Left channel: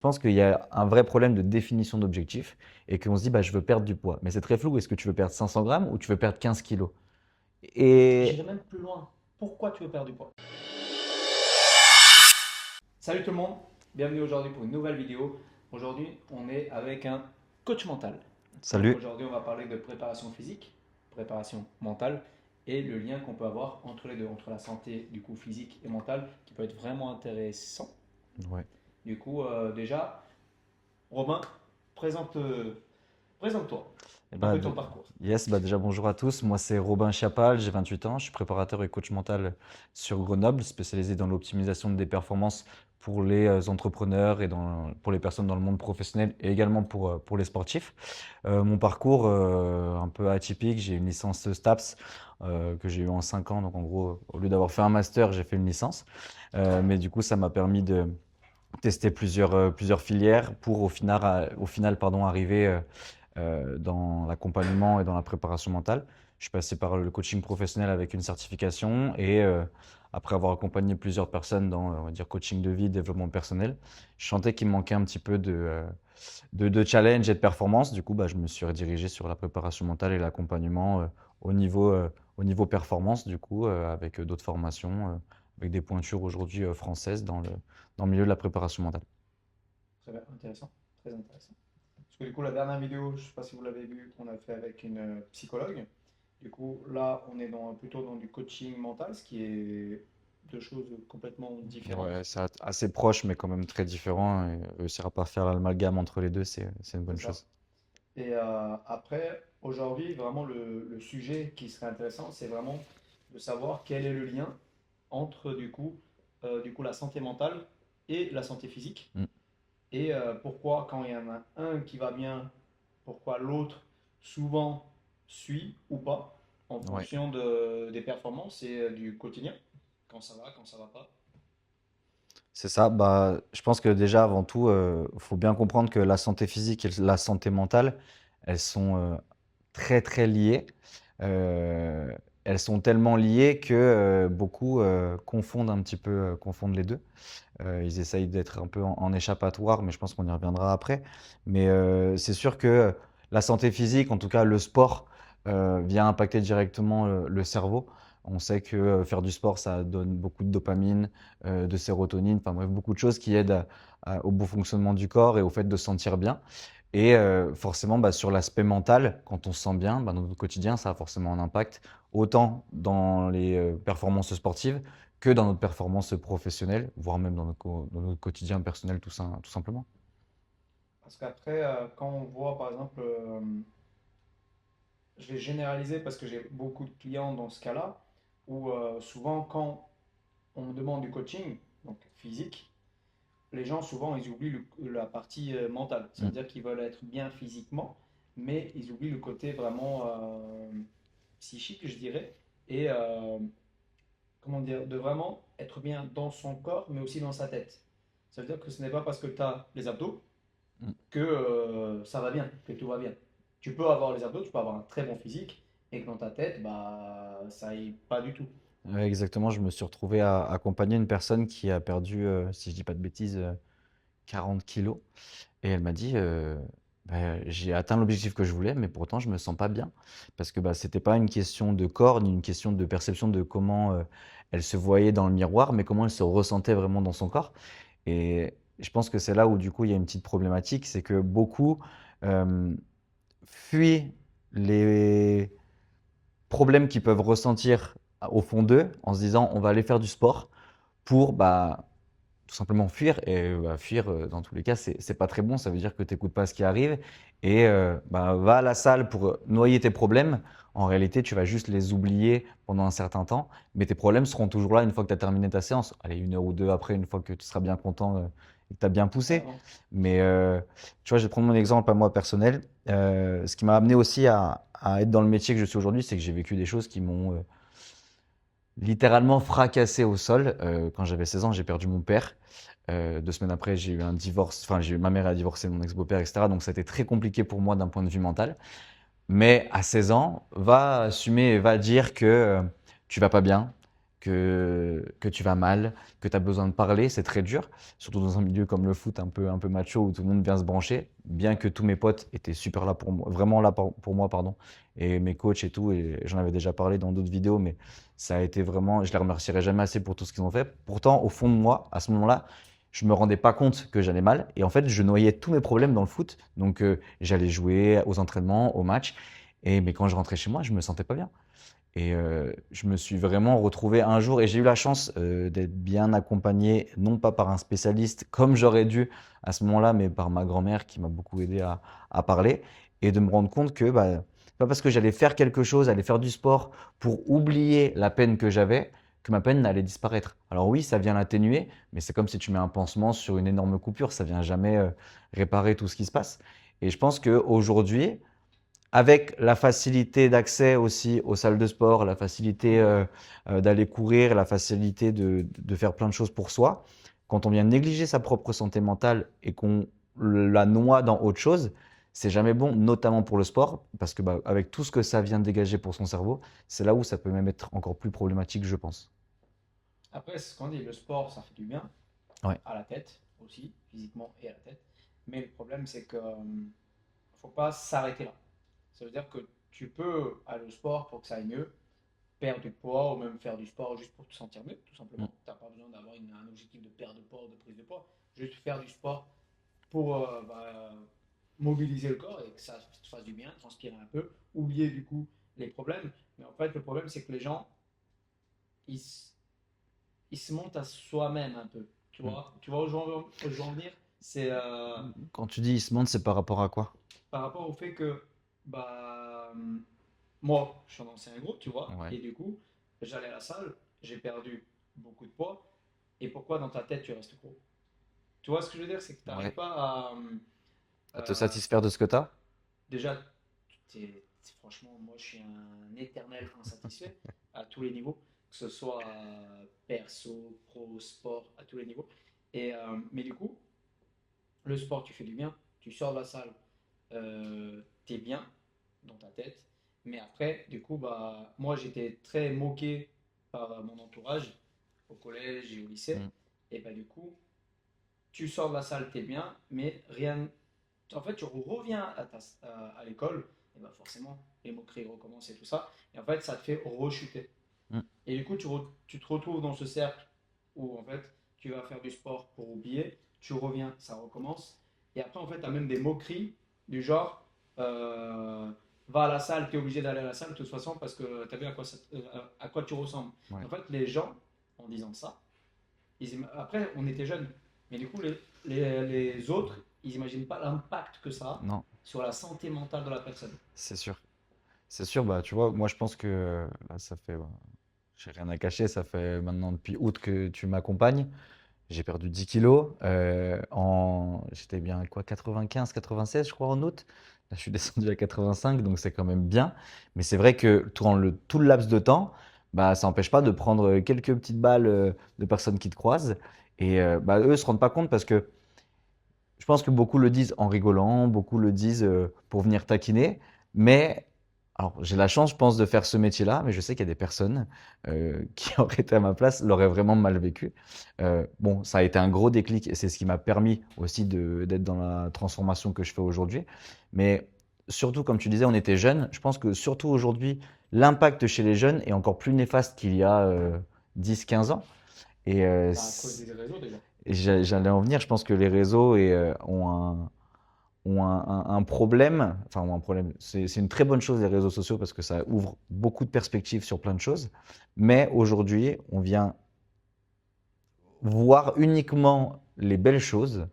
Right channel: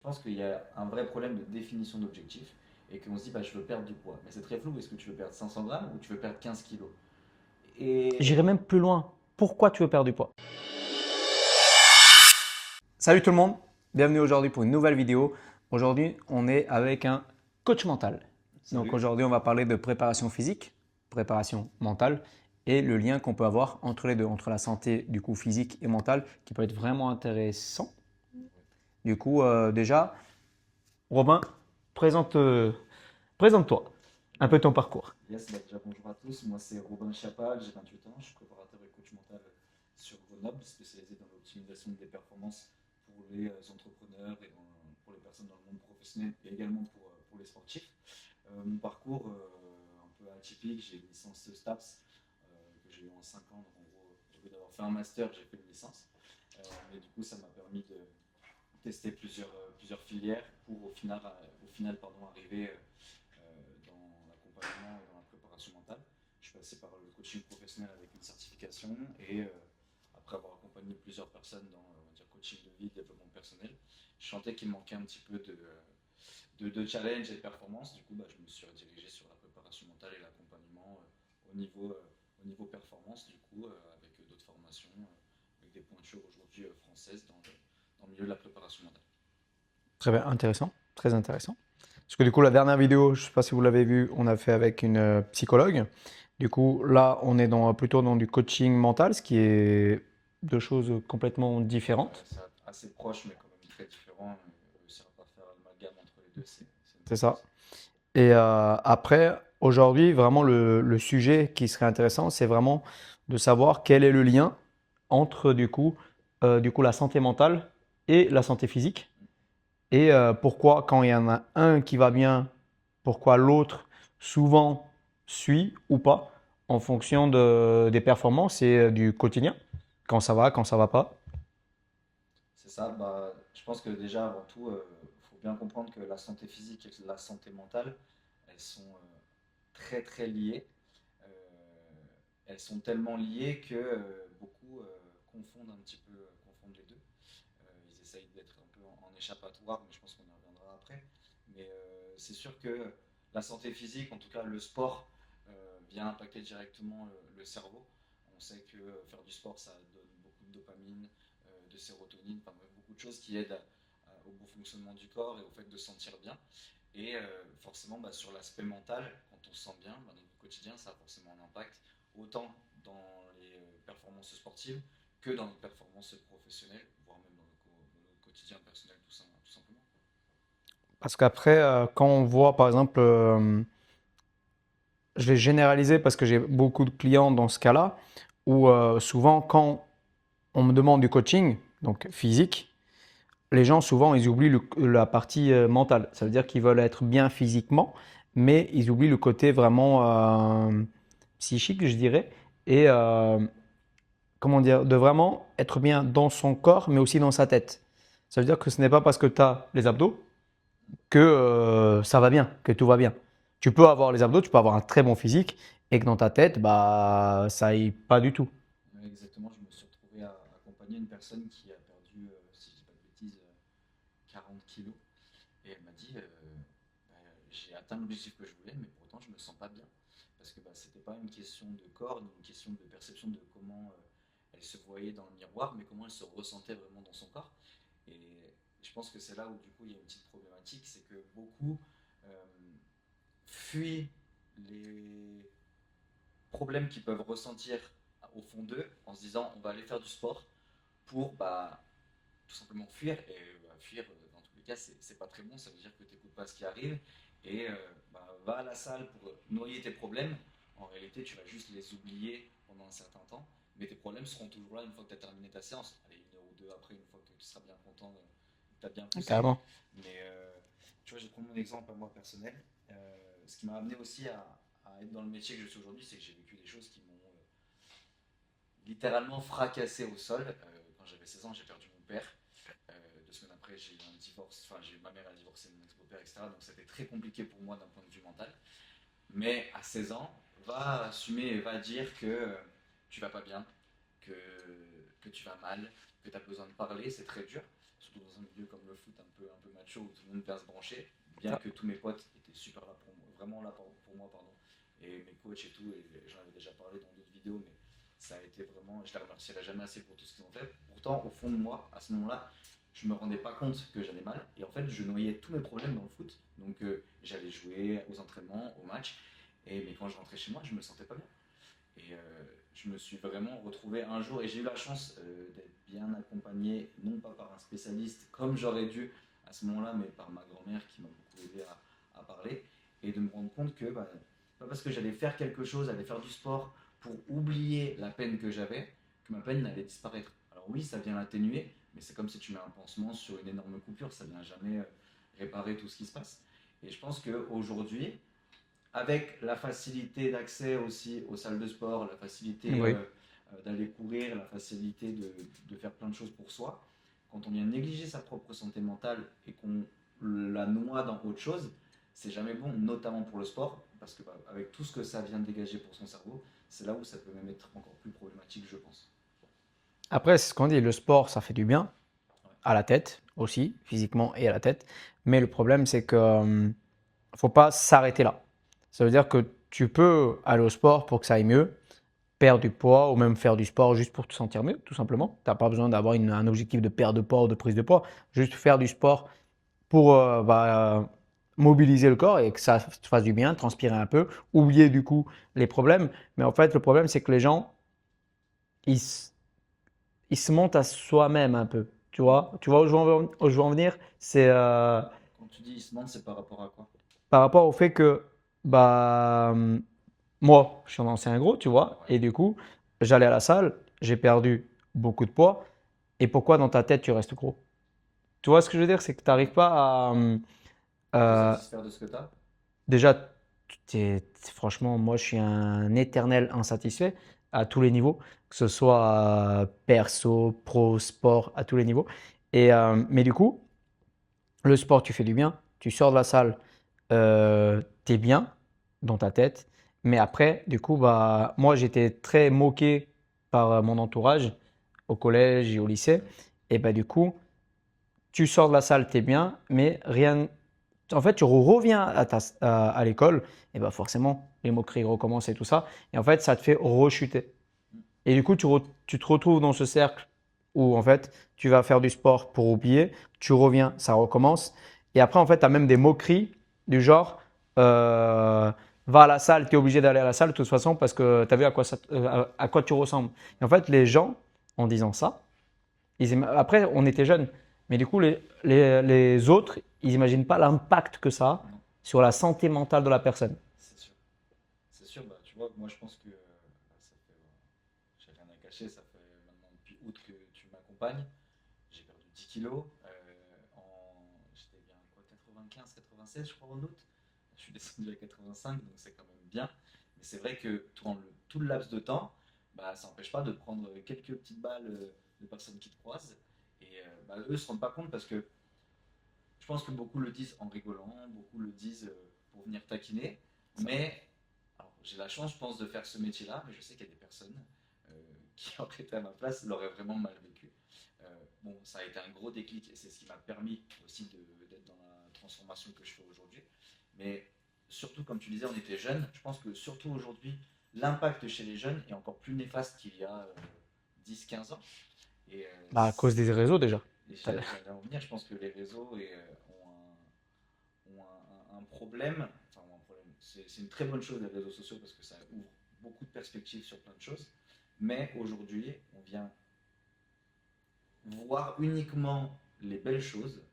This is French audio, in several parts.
Je pense qu'il y a un vrai problème de définition d'objectif et qu'on se dit bah, je veux perdre du poids. Mais c'est très flou. Est-ce que tu veux perdre 500 grammes ou tu veux perdre 15 kilos? J'irai Et même plus loin. Pourquoi tu veux perdre du poids? Salut tout le monde, bienvenue aujourd'hui pour une nouvelle vidéo. Aujourd'hui, on est avec un coach mental. Donc salut. aujourd'hui, on va parler de préparation physique, préparation mentale et le lien qu'on peut avoir entre les deux, entre la santé du coup physique et mentale qui peut être vraiment intéressant. Ouais. Du coup, déjà, Robin, présente, présente-toi Eh un bah, peu ton parcours. yes, bah déjà bonjour à tous. Moi c'est Robin Chiapal, j'ai 28 ans, je suis préparateur et coach mental sur Grenoble, spécialisé dans l'optimisation des performances pour les entrepreneurs et pour les personnes dans le monde professionnel et également pour les sportifs. Mon parcours un peu atypique, j'ai une licence STAPS que j'ai eu en 5 ans, donc en gros au lieu d'avoir fait un master, j'ai fait une licence. Mais du coup ça m'a permis de tester plusieurs filières pour au final pardon, arriver dans l'accompagnement et dans la préparation mentale. Je suis passé par le coaching professionnel avec une certification et après avoir accompagné plusieurs personnes dans on va dire, coaching de vie, développement personnel, je sentais qu'il me manquait un petit peu de challenge et de performance. Du coup, bah, je me suis redirigé sur la préparation mentale et l'accompagnement au niveau, euh, au niveau performance, du coup, avec d'autres formations, avec des pointures aujourd'hui françaises dans le milieu de la préparation mentale. Très bien, intéressant, très intéressant. Parce que du coup, la dernière vidéo, je ne sais pas si vous l'avez vue, on a fait avec une psychologue. Du coup, là, on est plutôt dans du coaching mental, ce qui est deux choses complètement Ouais, différentes. c'est assez proche, mais quand même très différent. Et réussir à pas faire l'amalgame entre les deux, c'est une C'est bonne ça. chose. Et après, aujourd'hui, vraiment, le sujet qui serait intéressant, c'est vraiment de savoir quel est le lien entre, du coup, la santé mentale et la santé physique. Mm. Et pourquoi, quand il y en a un qui va bien, pourquoi l'autre souvent suit ou pas en Ouais. fonction des performances et du quotidien, quand ça va pas. C'est ça. Bah, je pense que déjà, avant tout, faut bien comprendre que la santé physique et la santé mentale, elles sont très, très liées. Euh, Elles sont tellement liées que beaucoup confondent un petit peu, confondent les deux. Ils essayent d'être un peu en échappatoire, mais je pense qu'on y reviendra après. Mais c'est sûr que la santé physique, en tout cas le sport, vient impacter directement le cerveau. On sait que faire du sport, ça donne beaucoup de dopamine, de sérotonine, enfin bref, beaucoup de choses qui aident au bon fonctionnement du corps et au fait de se sentir bien. Et forcément, bah, sur l'aspect mental, quand on se sent bien, bah, dans notre quotidien, ça a forcément un impact, autant dans les performances sportives que dans notre performance professionnelle, voire même dans notre quotidien personnel tout simplement. Parce qu'après, quand on voit, par exemple, je vais généraliser parce que j'ai beaucoup de clients dans ce cas-là, où souvent, quand on me demande du coaching, donc physique, les gens, souvent, ils oublient la partie mentale. Ça veut Mm. dire qu'ils veulent être bien physiquement, mais ils oublient le côté vraiment psychique, je dirais, et comment dire, de vraiment être bien dans son corps, mais aussi dans sa tête. Ça veut dire que ce n'est pas parce que tu as les abdos Mm. que ça va bien, que tout va bien. Tu peux avoir les abdos, tu peux avoir un très bon physique, et que dans ta tête, bah, ça aille pas du tout. Ouais, exactement, je me suis retrouvé à accompagner une personne qui a perdu, si je dis pas de bêtises, 40 kilos. Et elle m'a dit, bah, j'ai atteint l'objectif que je voulais, mais pourtant je me sens pas bien. Parce que bah, c'était pas une question de corps, ni une question de perception de comment elle se voyait dans le miroir, mais comment elle se ressentait vraiment dans son corps. Et je pense que c'est là où du coup il y a une petite problématique, c'est que beaucoup euh, fuient les problèmes qu'ils peuvent ressentir au fond d'eux en se disant on va aller faire du sport pour bah, tout simplement fuir. Et bah, fuir, dans tous les cas, c'est pas très bon. Ça veut dire que tu n'écoutes pas ce qui arrive et bah, va à la salle pour noyer tes problèmes. En réalité, tu vas juste les oublier pendant un certain temps, mais tes problèmes seront toujours là une fois que tu as terminé ta séance. Allez, une heure ou deux après, une fois que tu seras bien content et que tu as bien poussé. Carrément. Mais tu vois, je vais prendre mon exemple à moi personnel. Ce qui m'a amené aussi à être dans le métier que je suis aujourd'hui, c'est que j'ai vécu des choses qui m'ont littéralement fracassé au sol. Quand j'avais 16 ans, j'ai perdu mon père. 2 semaines après, j'ai eu un divorce. Enfin, ma mère a divorcé mon ex-beau-père, etc. Donc, ça a été très compliqué pour moi d'un point de vue mental. Mais à 16 ans, va assumer et va dire que tu vas pas bien, que tu vas mal, que tu as besoin de parler, c'est très dur, surtout dans un milieu comme le foot un peu macho où tout le monde vient se brancher, bien que tous mes potes étaient super là pour moi, vraiment là pour moi, pardon, et mes coachs et tout, et j'en avais déjà parlé dans d'autres vidéos, mais ça a été vraiment, je les remercierai jamais assez pour tout ce qu'ils ont fait. Pourtant, au fond de moi, à ce moment-là, je me rendais pas compte que j'allais mal, et en fait, je noyais tous mes problèmes dans le foot, donc j'allais jouer aux entraînements, aux matchs, mais quand je rentrais chez moi, je me sentais pas bien. Et je me suis vraiment retrouvé un jour et j'ai eu la chance d'être bien accompagné, non pas par un spécialiste comme j'aurais dû à ce moment-là, mais par ma grand-mère qui m'a beaucoup aidé à parler et de me rendre compte que bah, pas parce que j'allais faire quelque chose, aller faire du sport pour oublier la peine que j'avais, que ma peine n'allait disparaître. Alors oui, ça vient l'atténuer, mais c'est comme si tu mets un pansement sur une énorme coupure, ça vient jamais réparer tout ce qui se passe. Et je pense qu'aujourd'hui, avec la facilité d'accès aussi aux salles de sport, la facilité Oui. d'aller courir, la facilité de faire plein de choses pour soi, quand on vient négliger sa propre santé mentale et qu'on la noie dans autre chose, c'est jamais bon, notamment pour le sport, parce que bah, avec tout ce que ça vient de dégager pour son cerveau, c'est là où ça peut même être encore plus problématique, je pense. Après, c'est ce qu'on dit, le sport, ça fait du bien Ouais. à la tête aussi, physiquement et à la tête. Mais le problème, c'est que faut pas s'arrêter là. Ça veut dire que tu peux aller au sport pour que ça aille mieux, perdre du poids ou même faire du sport juste pour te sentir mieux, tout simplement. Tu n'as pas besoin d'avoir un objectif de perte de poids ou de prise de poids. Juste faire du sport pour mobiliser le corps et que ça te fasse du bien, transpirer un peu, oublier du coup les problèmes. Mais en fait, le problème, c'est que les gens, ils, s- ils se montent à soi-même un peu. Tu vois où où je veux en venir? C'est Quand tu dis il se montre, c'est par rapport à quoi? par rapport au fait que bah, moi, je suis un ancien gros, tu vois, Ouais. et du coup, j'allais à la salle, j'ai perdu beaucoup de poids. Et pourquoi dans ta tête tu restes gros? Tu vois ce que je veux dire? C'est que tu n'arrives Ouais. pas à. Te euh, satisfaire de ce que tu as? déjà, franchement, moi, je suis un éternel insatisfait à tous les niveaux, que ce soit perso, pro, sport, à tous les niveaux. Mais du coup, le sport, tu fais du bien, tu sors de la salle, tu es bien dans ta tête. Mais après, du coup, bah, moi, j'étais très moqué par mon entourage au collège et au lycée. Et bah, du coup, tu sors de la salle, tu es bien, mais rien. En fait, tu reviens à l'école, et bah forcément, les moqueries recommencent et tout ça. Et en fait, ça te fait rechuter. Mm. Et du coup, tu te retrouves dans ce cercle où en fait, tu vas faire du sport pour oublier, tu reviens, ça recommence. Et après, en fait, tu as même des moqueries du genre euh, va à la salle, tu es obligé d'aller à la salle de toute façon parce que tu as vu à quoi tu ressembles. Et Ouais. en fait, les gens, en disant ça, après, on était jeunes, mais du coup, les autres, ils n'imaginent pas l'impact que ça a Non, sur la santé mentale de la personne. c'est sûr. C'est sûr, bah, tu vois, moi je pense que là, ça fait, bah, j'ai rien à cacher, ça fait maintenant depuis août que tu m'accompagnes. J'ai perdu 10 kilos. J'étais bien à quoi, 95, 96, je crois, en août. Là, je suis descendu à 85, donc c'est quand même bien. Mais c'est vrai que durant tout le laps de temps, bah, ça n'empêche pas de prendre quelques petites balles de personnes qui te croisent. Et bah, eux ne se rendent pas compte parce que je pense que beaucoup le disent en rigolant, beaucoup le disent pour venir taquiner. Mais alors, j'ai la chance, je pense, de faire ce métier-là, mais je sais qu'il y a des personnes qui auraient été à ma place, l'auraient vraiment mal vécu. Bon, ça a été un gros déclic et c'est ce qui m'a permis aussi d'être dans la transformation que je fais aujourd'hui. Mais surtout, comme tu disais, on était jeunes. Je pense que surtout aujourd'hui, l'impact chez les jeunes est encore plus néfaste qu'il y a 10-15 ans. Et Bah, à cause des réseaux déjà. j'allais en venir, je pense que les réseaux ont un problème, enfin ont un problème, c'est une très bonne chose les réseaux sociaux parce que ça ouvre beaucoup de perspectives sur plein de choses, mais aujourd'hui on vient voir uniquement les belles choses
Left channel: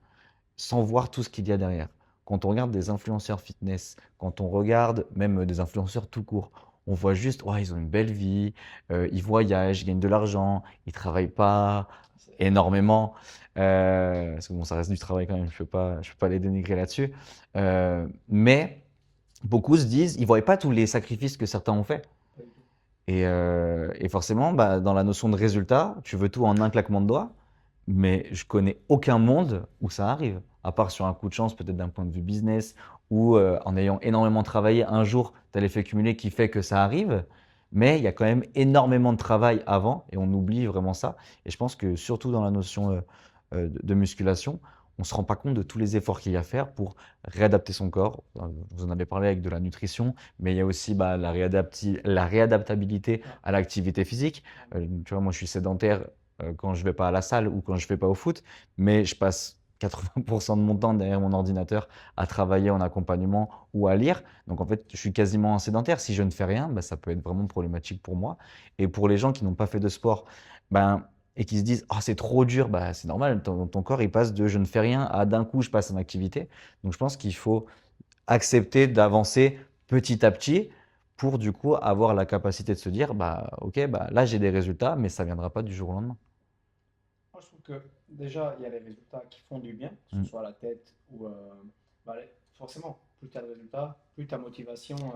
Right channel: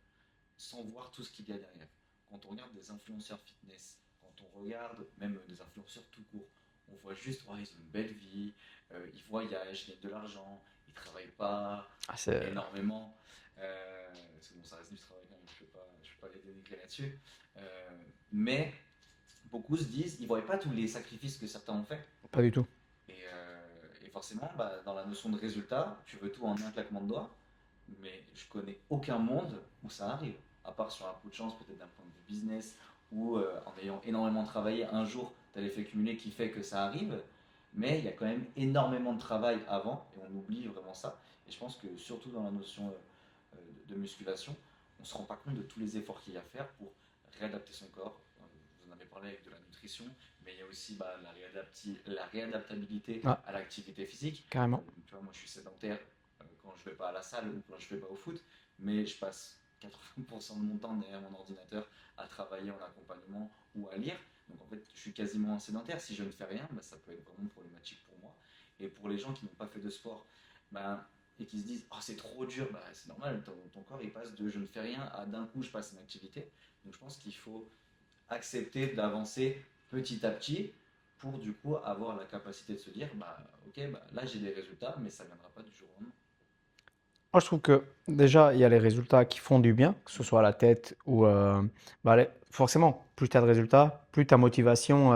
sans voir tout ce qu'il y a derrière. Quand on regarde des influenceurs fitness, quand on regarde même des influenceurs tout court, on voit juste, ouais, ils ont une belle vie, ils voyagent, ils gagnent de l'argent, ils travaillent pas Ah, c'est énormément. Parce que bon, ça reste du travail quand même, je peux pas les dénigrer là-dessus. Mais beaucoup se disent, ils ne voient pas tous les sacrifices que certains ont fait. pas du tout. Et forcément, bah, dans la notion de résultat, tu veux tout en un claquement de doigts, mais je connais aucun monde où ça arrive, à part sur un coup de chance, peut-être d'un point de vue business, ou en ayant énormément travaillé, un jour, tu as l'effet cumulé qui fait que ça arrive. Mais il y a quand même énormément de travail avant et on oublie vraiment ça. Et je pense que surtout dans la notion de musculation, on ne se rend pas compte de tous les efforts qu'il y a à faire pour réadapter son corps. Vous en avez parlé avec de la nutrition, mais il y a aussi bah, la réadaptabilité Ah, à l'activité physique. carrément. Tu vois, moi, je suis sédentaire quand je ne vais pas à la salle ou quand je ne vais pas au foot, mais je passe 80% de mon temps derrière mon ordinateur à travailler en accompagnement ou à lire. Donc en fait, je suis quasiment un sédentaire. Si je ne fais rien, bah, ça peut être vraiment problématique pour moi. Et pour les gens qui n'ont pas fait de sport ben, et qui se disent oh, c'est trop dur, bah, c'est normal, ton corps il passe de je ne fais rien à d'un coup je passe en activité. Donc je pense qu'il faut accepter d'avancer petit à petit pour du coup avoir la capacité de se dire bah, ok, bah, là j'ai des résultats, mais ça ne viendra pas du jour au lendemain. Moi, je trouve que déjà, il y a les résultats qui font du bien, que ce Mm. soit à la tête ou bah, forcément, plus tu as de résultats, plus ta motivation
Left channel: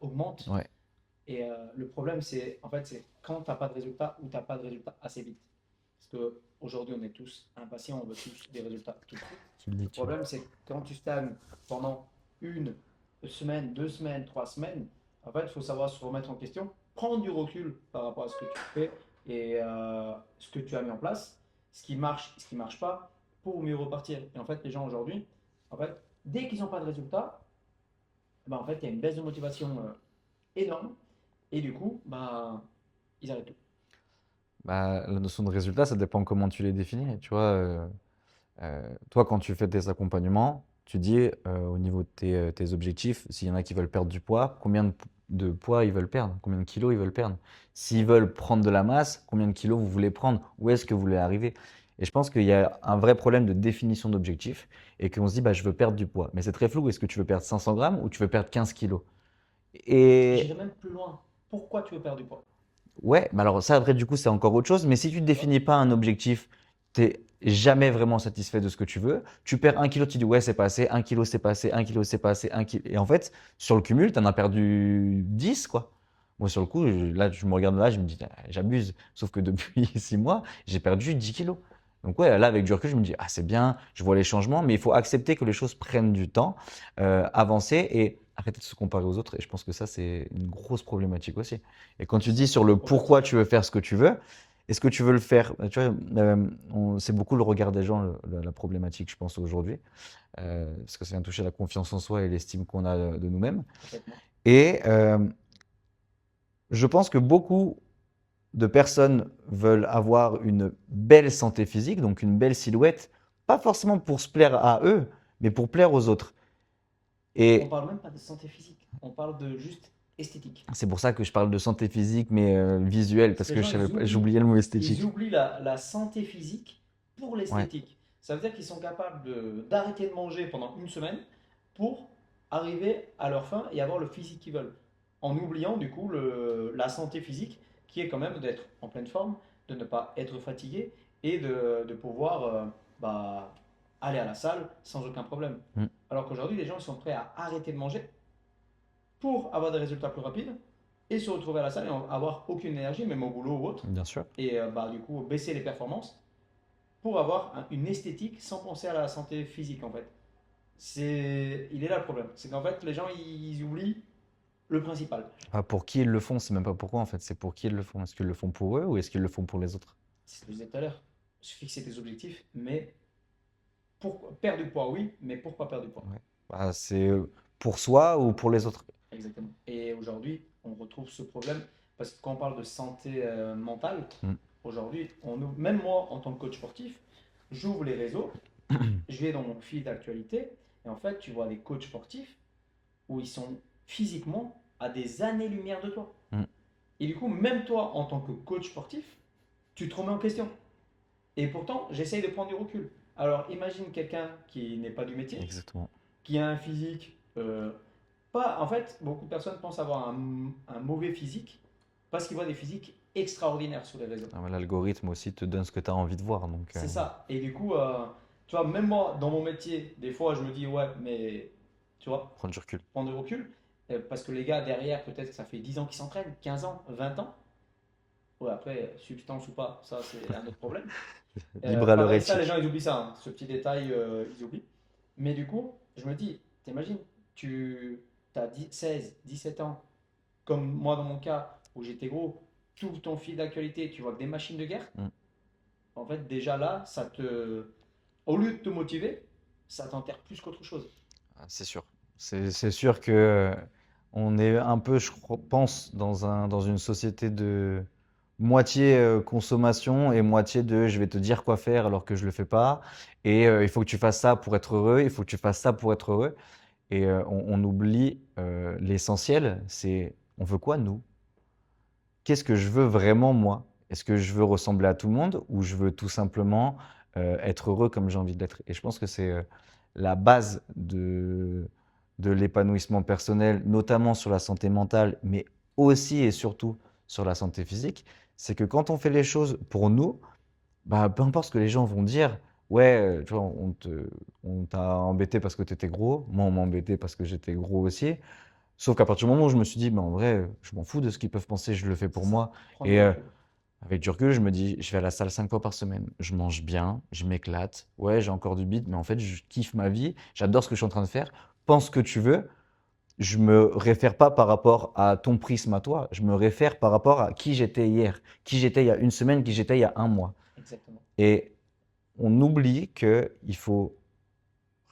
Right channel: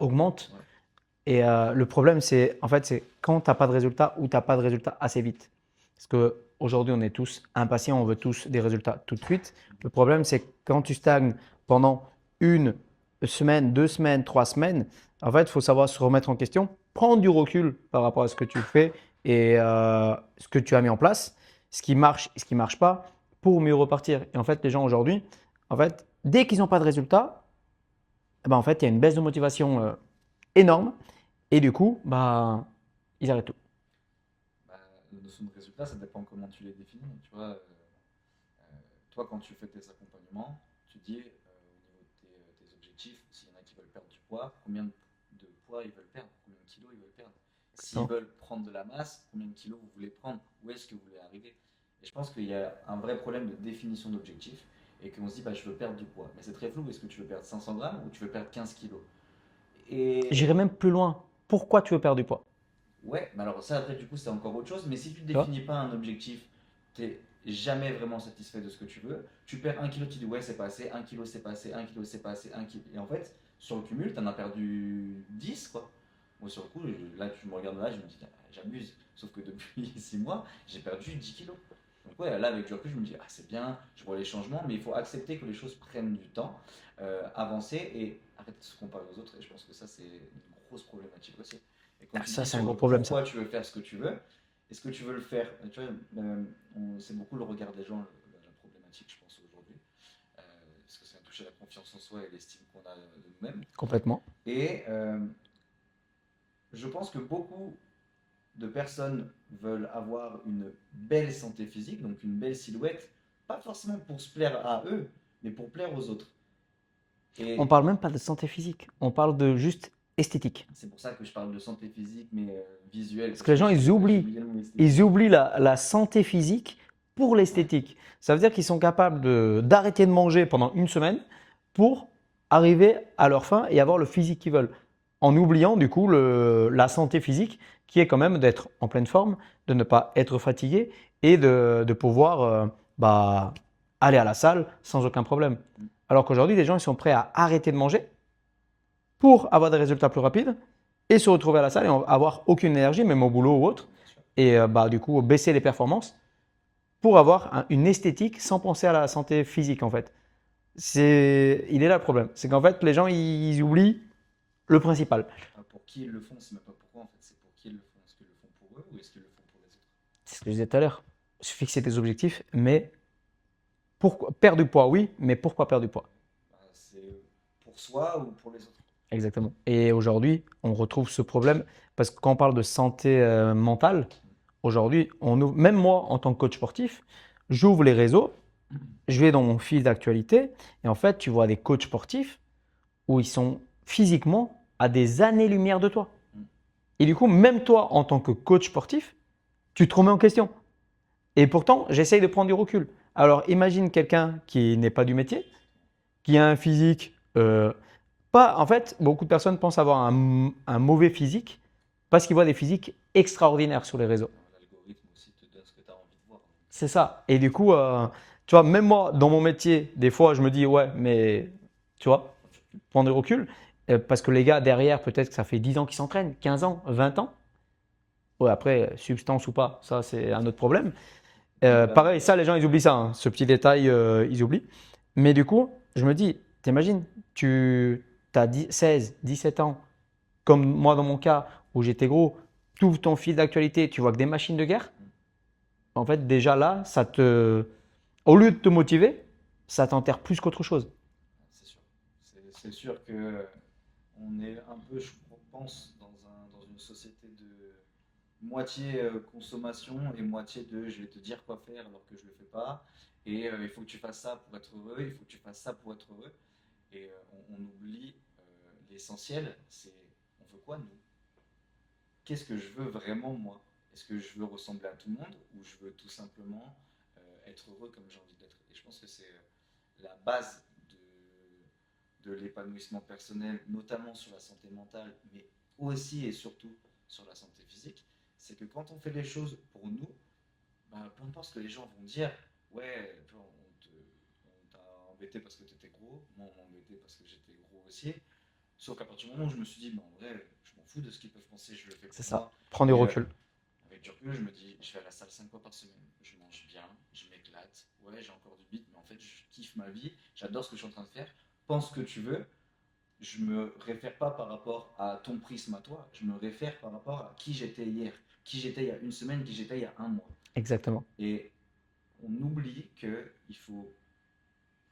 augmente. Ouais, Et le problème, c'est en fait, c'est quand tu n'as pas de résultats ou tu n'as pas de résultats assez vite. Parce qu'aujourd'hui, on est tous impatients, on veut tous des résultats tout de suite. c'est le Le but. problème, c'est que quand tu stagnes pendant une semaine, 2 semaines, 3 semaines, en fait, il faut savoir se remettre en question, prendre du recul par rapport à ce que tu fais et ce que tu as mis en place, ce qui marche et ce qui ne marche pas, pour mieux repartir. Et en fait, les gens aujourd'hui, en fait, dès qu'ils n'ont pas de résultats, eh ben, en fait, il y a une baisse de motivation énorme et du coup, bah, ils arrêtent tout. Bah, la notion de résultat, ça dépend comment tu les définis. Tu vois, toi, quand tu fais tes accompagnements, tu dis au niveau de tes objectifs, s'il y en a qui veulent perdre du poids, combien de poids ils veulent perdre, combien de kilos ils veulent perdre. S'ils Exactement. veulent prendre de la masse, combien de kilos vous voulez prendre, où est-ce que vous voulez arriver. Et je pense qu'il y a un vrai problème de définition d'objectif et qu'on se dit, bah, je veux perdre du poids. Mais c'est très flou, est-ce que tu veux perdre 500 grammes ou tu veux perdre 15 kilos? J'irai Et même plus loin. Pourquoi tu veux perdre du poids? ouais, mais alors ça, après, du coup, c'est encore autre chose. Mais si tu ne Tu vois? définis pas un objectif, tu n'es jamais vraiment satisfait de ce que tu veux. Tu perds 1 kilo, tu dis ouais, c'est passé, 1 kilo, c'est passé, 1 kilo, c'est passé, 1 kilo. Et en fait, sur le cumul, tu en as perdu 10, quoi. Moi, sur le coup, là, je me regarde là, je me dis, ah, j'abuse. Sauf que depuis 6 mois, j'ai perdu 10 kilos. Donc, ouais, là, avec du recul, je me dis, ah, c'est bien, je vois les changements, mais il faut accepter que les choses prennent du temps, avancer et arrêter de se comparer aux autres. Et je pense que ça, c'est une grosse problématique aussi. Et quand tu Ça, dis c'est un sur gros le problème, ça. pourquoi tu veux faire ce que tu veux, est-ce que tu veux le faire? Tu vois, c'est beaucoup le regard des gens, la problématique, je pense, aujourd'hui, parce que ça vient toucher la confiance en soi et l'estime qu'on a de nous-mêmes. Complètement. Et je pense que beaucoup de personnes veulent avoir une belle santé physique, donc une belle silhouette, pas forcément pour se plaire à eux, mais pour plaire aux autres. On Et parle même pas de santé physique. On parle de juste esthétique. c'est pour ça que je parle de santé physique, mais visuelle, Parce parce que les que gens, ils oublient. j'oubliais le mot Ils esthétique. oublient la santé physique pour Ouais. l'esthétique. Ça veut dire qu'ils sont capables d'arrêter de manger pendant une semaine pour arriver à leur fin et avoir le physique qu'ils veulent. En oubliant du coup la santé physique qui est quand même d'être en pleine forme, de ne pas être fatigué et de pouvoir bah, aller à la salle sans aucun problème. Mm, Alors qu'aujourd'hui, les gens ils sont prêts à arrêter de manger pour avoir des résultats plus rapides et se retrouver à la salle et avoir aucune énergie, même au boulot ou autre, bien sûr. et bah, du coup baisser les performances pour avoir une esthétique sans penser à la santé physique en fait. Il est là le problème, c'est qu'en fait les gens ils oublient le principal. Pas pour qui ils le font, c'est même pas pourquoi en fait, c'est pour qui ils le font. Est-ce qu'ils le font pour eux ou est-ce qu'ils le font pour les autres? C'est ce que je disais tout à l'heure. Se fixer tes objectifs, mais pourquoi perdre du poids, oui, mais pourquoi perdre du poids? Ouais. Bah, c'est pour soi ou pour les autres. Exactement. Et aujourd'hui, on retrouve ce problème parce que quand on parle de santé mentale, Mm. aujourd'hui, même moi en tant que coach sportif, j'ouvre les réseaux, je vais dans mon fil d'actualité et en fait, tu vois des coachs sportifs où ils sont physiquement à des années-lumière de toi. Mm. Et du coup, même toi en tant que coach sportif, tu te remets en question. Et pourtant, j'essaye de prendre du recul. Alors, imagine quelqu'un qui n'est pas du métier, Exactement. qui a un physique pas. En fait, beaucoup de personnes pensent avoir un mauvais physique parce qu'ils voient des physiques extraordinaires sur les réseaux. Ah, ouais, l'algorithme aussi te donne ce que tu as envie de voir. Donc, C'est ça. Et du coup, tu vois, même moi, dans mon métier, des fois, je me dis, ouais, mais tu vois, prendre du recul. prendre du recul. Parce que les gars, derrière, peut-être que ça fait 10 ans qu'ils s'entraînent, 15 ans, 20 ans. Ouais, après, substance ou pas, ça, c'est un autre problème. Pareil, ça, les gens, Valorétique. ils oublient ça, hein. Ce petit détail, ils oublient. Mais du coup, je me dis, t'imagines, tu as 16, 17 ans, comme moi dans mon cas où j'étais gros, tout ton fil d'actualité, tu vois que des machines de guerre. Mm. En fait, déjà là, au lieu de te motiver, ça t'enterre plus qu'autre chose. C'est sûr. C'est sûr que on est un peu, pense, dans une société de moitié consommation et moitié de je vais te dire quoi faire alors que je le fais pas. Et il faut que tu fasses ça pour être heureux, il faut que tu fasses ça pour être heureux. Et on oublie l'essentiel, c'est on veut quoi nous? Qu'est-ce que je veux vraiment moi? Est-ce que je veux ressembler à tout le monde ou je veux tout simplement être heureux comme j'ai envie d'être? Et je pense que c'est la base de l'épanouissement personnel, notamment sur la santé mentale, mais aussi et surtout sur la santé physique. C'est que quand on fait les choses pour nous, bah, peu importe ce que les gens vont dire, ouais, tu vois, on t'a embêté parce que tu étais gros, moi on m'a embêté parce que j'étais gros aussi. Sauf qu'à partir du moment où je me suis dit, bah, en vrai, je m'en fous de ce qu'ils peuvent penser, je le fais C'est pour ça. moi. Prends du Et recul. avec du recul, je me dis, je vais à la salle 5 fois par semaine, je mange bien, je m'éclate, ouais, j'ai encore du bide, mais en fait, je kiffe ma vie, j'adore ce que je suis en train de faire. Pense ce que tu veux, je me réfère pas par rapport à ton prisme à toi, je me réfère par rapport à qui j'étais hier, qui j'étais il y a une semaine, qui j'étais il y a un mois. Exactement. Et on oublie que il faut,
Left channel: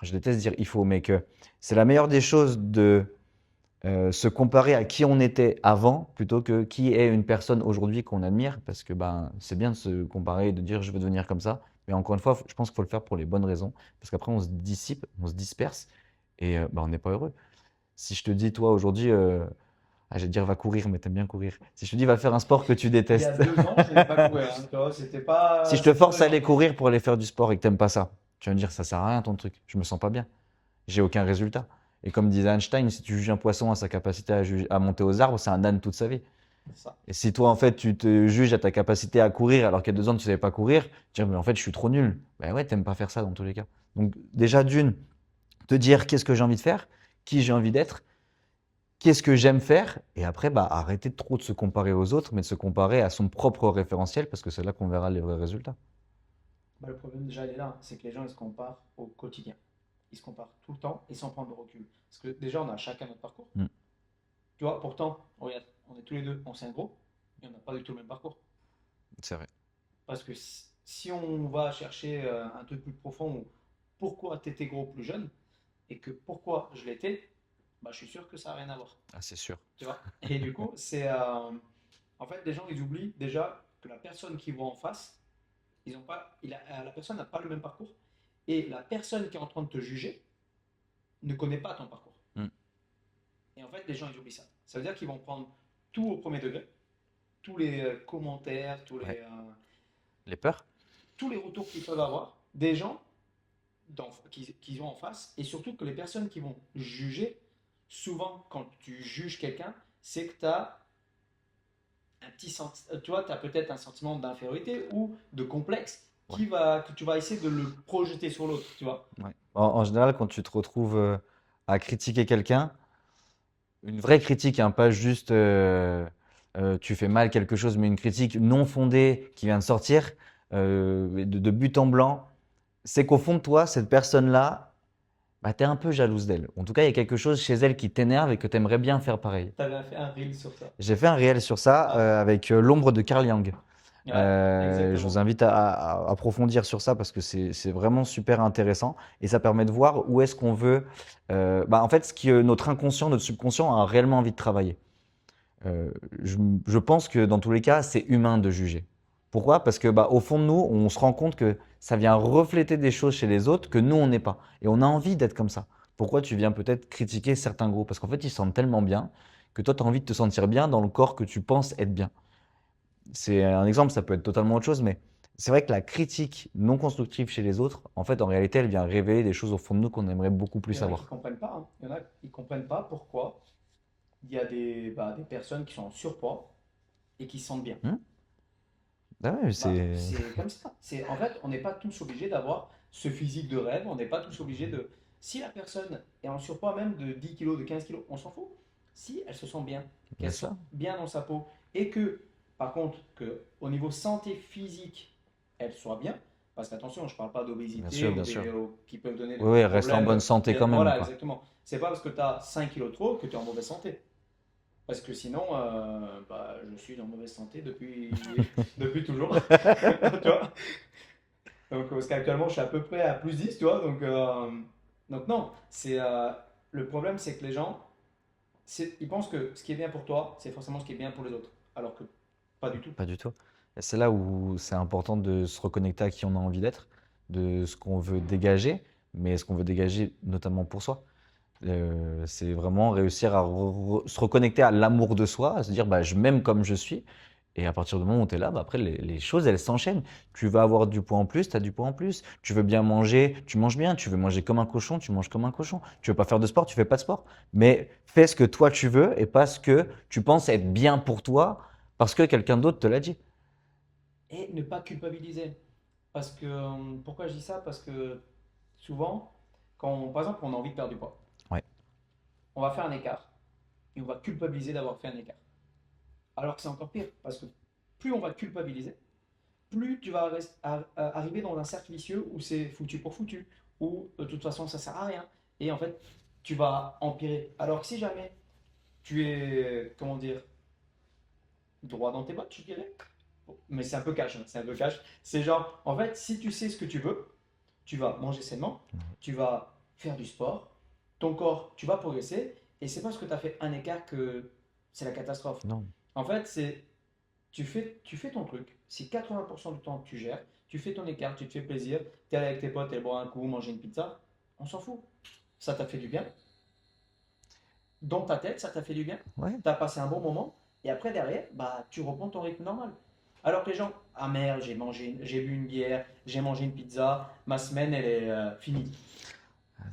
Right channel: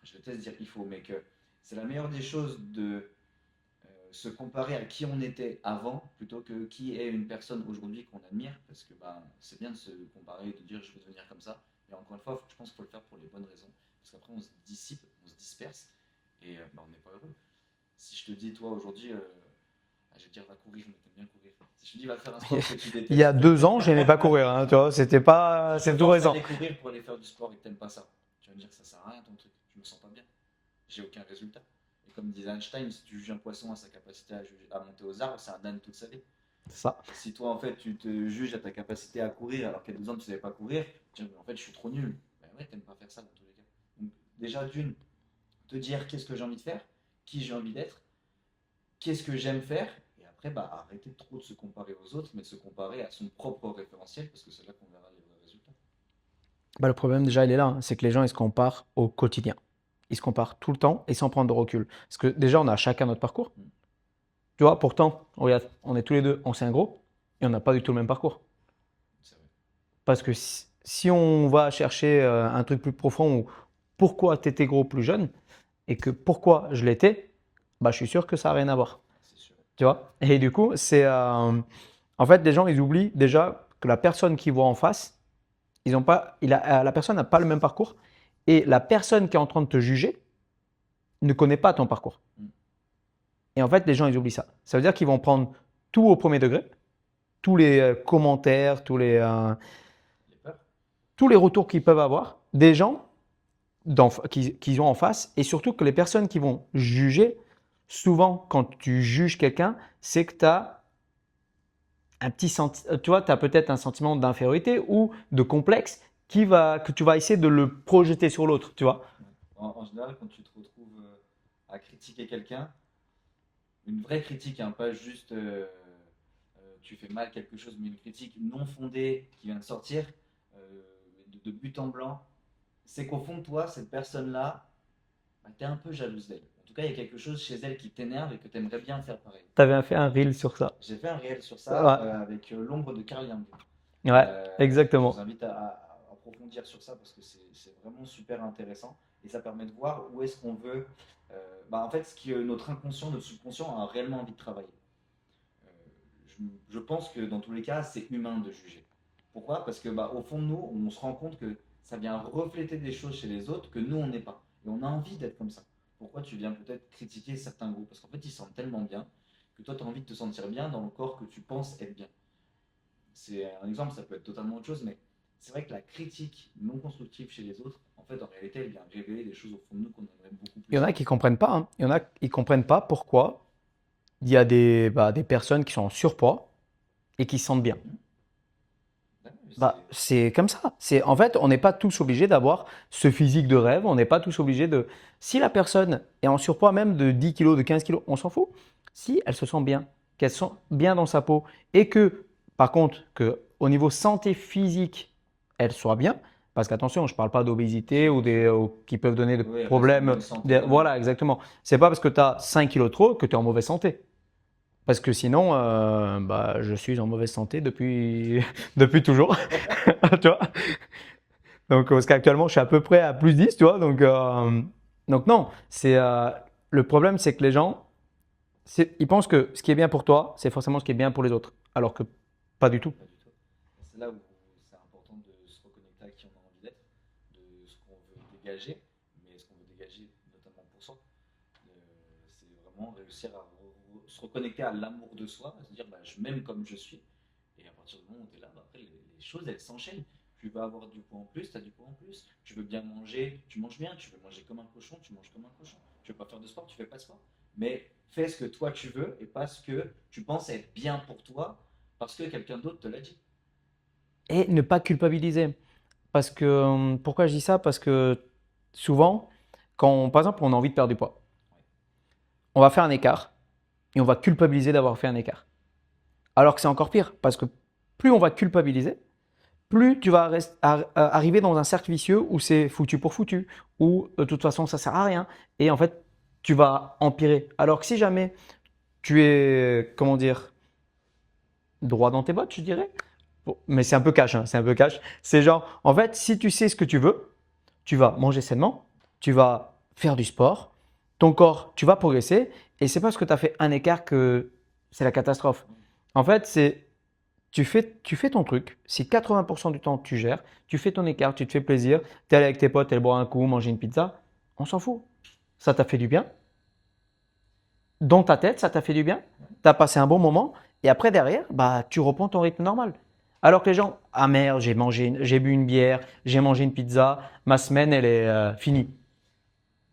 je déteste dire il faut, mais que c'est la meilleure des choses de se comparer à qui on était avant plutôt que qui est une personne aujourd'hui qu'on admire parce que ben, c'est bien de se comparer et de dire je veux devenir comme ça. Mais encore une fois, je pense qu'il faut le faire pour les bonnes raisons parce qu'après on se dissipe, on se disperse et ben, on n'est pas heureux. Si je te dis toi aujourd'hui, je vais te dire va courir, mais t'aimes bien courir. Si je te dis va faire un sport que tu Il y a détestes, 2 ans, je n'aimais pas courir, hein, tu vois, c'était si pas je te c'est tout force à récent. aller courir pour aller faire du sport et que t'aimes pas ça, tu vas me dire ça sert à rien ton truc, je me sens pas bien, j'ai aucun résultat. Et comme disait Einstein, si tu juges un poisson à sa capacité à monter aux arbres, c'est un âne toute sa vie. C'est ça. Et si toi, en fait, tu te juges à ta capacité à courir alors qu'il y a 2 ans, tu ne savais pas courir, tu dis, mais en fait, je suis trop nul. Ben ouais, t'aimes pas faire ça dans tous les cas. Donc, déjà, d'une, te dire qu'est-ce que j'ai envie de faire, qui j'ai envie d'être, qu'est-ce que j'aime faire, et après, bah, arrêter trop de se comparer aux autres, mais de se comparer à son propre référentiel, parce que c'est là qu'on verra les vrais résultats. Bah, le problème déjà, il est là, hein, c'est que les gens, ils se comparent au quotidien. Ils se comparent tout le temps et sans prendre de recul. Parce que déjà, on a chacun notre parcours. Mm. Tu vois, pourtant, regarde, on est tous les deux anciens gros et on n'a pas du tout le même parcours. C'est vrai. Parce que si on va chercher un truc plus profond ou pourquoi tu étais gros plus jeune et que pourquoi je l'étais, bah, je suis sûr que ça n'a rien à voir. Ah, c'est sûr. Tu vois? Et du coup, en fait, les gens, ils oublient déjà que la personne qu'ils voient en face, ils ont pas, la personne n'a pas le même parcours et la personne qui est en train de te juger ne connaît pas ton parcours. Mm. Et en fait, les gens, ils oublient ça. Ça veut dire qu'ils vont prendre tout au premier degré, tous les commentaires, Les peurs? tous les retours qu'ils peuvent avoir des gens qu'ils ont en face et surtout que les personnes qui vont juger, souvent quand tu juges quelqu'un, c'est que tu as tu vois, tu as peut-être un sentiment d'infériorité ou de complexe que tu vas essayer de le projeter sur l'autre, tu vois. Ouais. En général, quand tu te retrouves à critiquer quelqu'un, une vraie critique, hein, pas juste tu fais mal quelque chose, mais une critique non fondée qui vient de sortir de but en blanc, c'est qu'au fond de toi, cette personne-là, bah, tu es un peu jalouse d'elle. En tout cas, il y a quelque chose chez elle qui t'énerve et que tu aimerais bien faire pareil. Tu avais fait un reel sur ça. J'ai fait un réel sur ça Ouais, avec l'ombre de Carl Jung. ouais, Je vous exactement. invite à approfondir sur ça parce que c'est vraiment super intéressant et ça permet de voir où est-ce qu'on veut. Bah, en fait, ce que notre inconscient, notre subconscient a réellement envie de travailler. Je pense que dans tous les cas, c'est humain de juger. Pourquoi? Parce que bah, au fond de nous, on se rend compte que ça vient refléter des choses chez les autres que nous, on n'est pas. Et on a envie d'être comme ça. Pourquoi tu viens peut-être critiquer certains groupes? Parce qu'en fait, ils se sentent tellement bien que toi, tu as envie de te sentir bien dans le corps que tu penses être bien. C'est un exemple, ça peut être totalement autre chose, mais c'est vrai que la critique non constructive chez les autres, en fait, en réalité, elle vient révéler des choses au fond de nous qu'on aimerait beaucoup plus Il y en a qui savoir. comprennent pas, hein. Il y en a qui comprennent pas pourquoi il y a des personnes qui sont en surpoids et qui se sentent bien. Hmm. Ah ouais, Bah, c'est comme ça. En fait, on n'est pas tous obligés d'avoir ce physique de rêve. On n'est pas tous obligés de. Si la personne est en surpoids même de 10 kilos, de 15 kilos, on s'en fout. Si elle se sent bien, qu'elle se sent bien dans sa peau et que, par contre, que au niveau santé physique, elle soit bien. Parce qu'attention, je ne parle pas d'obésité ou bien sûr. qui peuvent donner de Oui, oui, reste en problèmes. bonne santé quand même, Voilà, quoi. exactement. C'est pas parce que tu as 5 kilos trop que tu es en mauvaise santé. Parce que sinon, bah, je suis en mauvaise santé depuis, depuis toujours. Tu vois? Donc, parce qu'actuellement, je suis à peu près à plus 10, tu vois. Donc non, le problème, c'est que les gens, ils pensent que ce qui est bien pour toi, c'est forcément ce qui est bien pour les autres. Alors que pas du tout. Pas du tout. Et c'est là où c'est important de se reconnecter à qui on a envie d'être, de ce qu'on veut dégager, mais ce qu'on veut dégager notamment pour soi. C'est vraiment réussir à se reconnecter à l'amour de soi, à se dire bah, je m'aime comme je suis. Et à partir du moment où tu es là, bah, après les choses elles s'enchaînent. Tu veux avoir du poids en plus, tu as du poids en plus. Tu veux bien manger, tu manges bien. Tu veux manger comme un cochon, tu manges comme un cochon. Tu veux pas faire de sport, tu fais pas de sport. Mais fais ce que toi tu veux et pas ce que tu penses être bien pour toi parce que quelqu'un d'autre te l'a dit. Et ne pas culpabiliser. Parce que, pourquoi je dis ça? Parce que souvent, par exemple, on a envie de perdre du poids, Ouais. on va faire un écart et on va culpabiliser d'avoir fait un écart. Alors que c'est encore pire, parce que plus on va culpabiliser, plus tu vas arriver dans un cercle vicieux où c'est foutu pour foutu, où de toute façon ça sert à rien, et en fait tu vas empirer. Alors que si jamais tu es, comment dire, droit dans tes bottes, je dirais, bon, mais c'est un peu cash, hein, c'est un peu cash. C'est genre, en fait, si tu sais ce que tu veux, tu vas manger sainement, tu vas faire du sport, ton corps, tu vas progresser, et c'est parce que tu as fait un écart que c'est la catastrophe. Non. En fait, tu fais ton truc. Si 80% du temps tu gères, tu fais ton écart, tu te fais plaisir, tu es allé avec tes potes, tu es boire un coup, manger une pizza, on s'en fout. Ça t'a fait du bien. Dans ta tête, ça t'a fait du bien. Ouais. Tu as passé un bon moment. Et après, derrière, bah, tu reprends ton rythme normal. Alors que les gens, ah merde, j'ai bu une bière, j'ai mangé une pizza, ma semaine, elle est finie.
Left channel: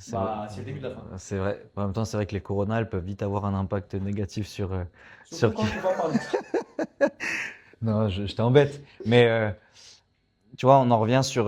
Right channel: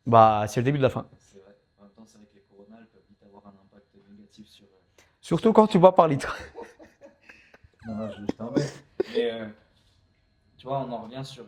Bah, c'est le début de la fin. C'est vrai. En même temps, c'est vrai que les coronas, elles peuvent vite avoir un impact négatif Surtout sur. quand tu bois par litre. Non, je t'embête. Mais tu vois, on en revient sur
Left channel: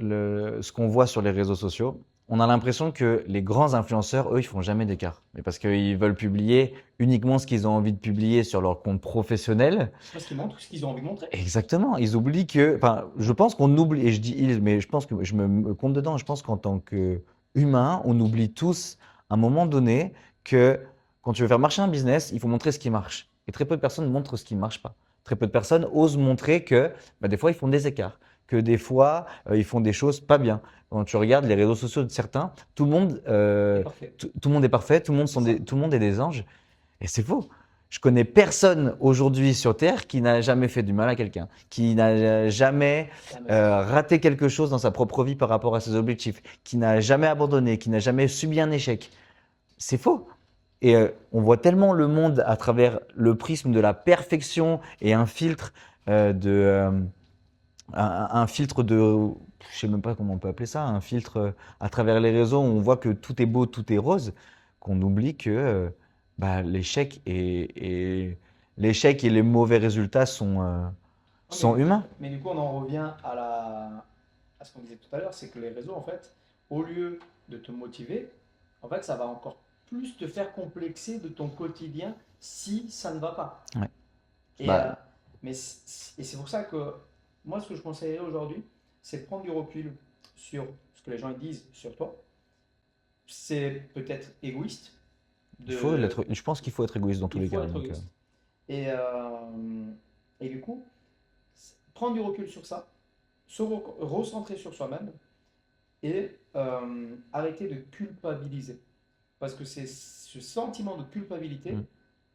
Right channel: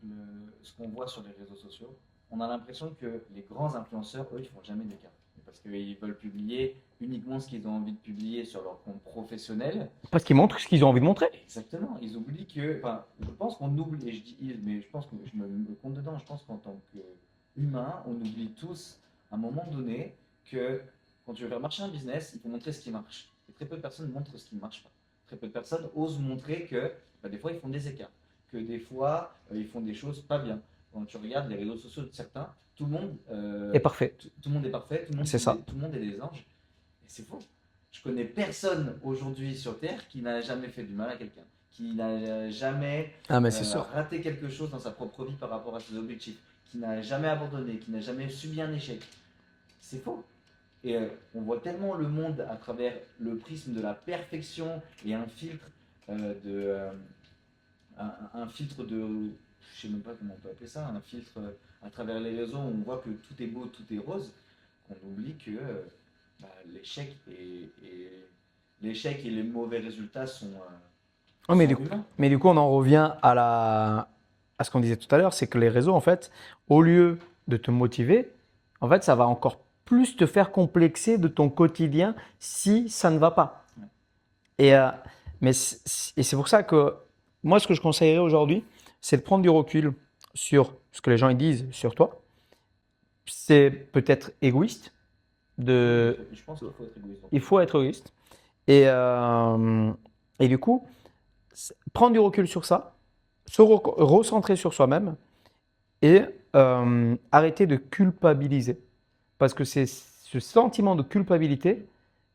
ce qu'on voit sur les réseaux sociaux. On a l'impression que les grands influenceurs, eux, ils font jamais d'écart. Mais parce qu'ils veulent publier uniquement ce qu'ils ont envie de publier sur leur compte professionnel. Parce qu'ils montrent ce qu'ils ont envie de montrer. Exactement. Ils oublient que. Enfin, je pense qu'on oublie, et je dis ils, mais je pense que je me compte dedans. Je pense qu'en tant qu'humain, on oublie tous à un moment donné que quand tu veux faire marcher un business, il faut montrer ce qui marche. Et très peu de personnes montrent ce qui ne marche pas. Très peu de personnes osent montrer que bah, des fois, ils font des écarts, que des fois, ils font des choses pas bien. Quand tu regardes les réseaux sociaux de certains, tout le monde, Et parfait. tout le monde est parfait, C'est ça. tout le monde est des anges. Et c'est faux. Je connais personne aujourd'hui sur Terre qui n'a jamais fait du mal à quelqu'un, qui n'a jamais Ah, mais c'est sûr. raté quelque chose dans sa propre vie par rapport à ses objectifs, qui n'a jamais abandonné, qui n'a jamais subi un échec. C'est faux. Et on voit tellement le monde à travers le prisme de la perfection et un filtre un filtre de, je sais même pas comment on peut appeler ça, un filtre à travers les réseaux où on voit que tout est beau, tout est rose, qu'on oublie que bah, l'échec et les mauvais résultats Oh, mais sont humains. du coup, on en revient à ce qu'on disait tout à l'heure, c'est que les réseaux, en fait, au lieu de te motiver, en fait, ça va encore plus te faire complexer de ton quotidien si ça ne va pas. Ouais. Et, Bah, et c'est pour ça que moi, ce que je conseillerais aujourd'hui, c'est de prendre du recul sur ce que les gens ils disent sur toi. C'est peut-être égoïste je pense qu'il faut être égoïste dans tous il les faut cas. être Donc, égoïste. Et du coup, prendre du recul sur ça, se recentrer sur soi-même et arrêter de culpabiliser. Parce que c'est ce sentiment de culpabilité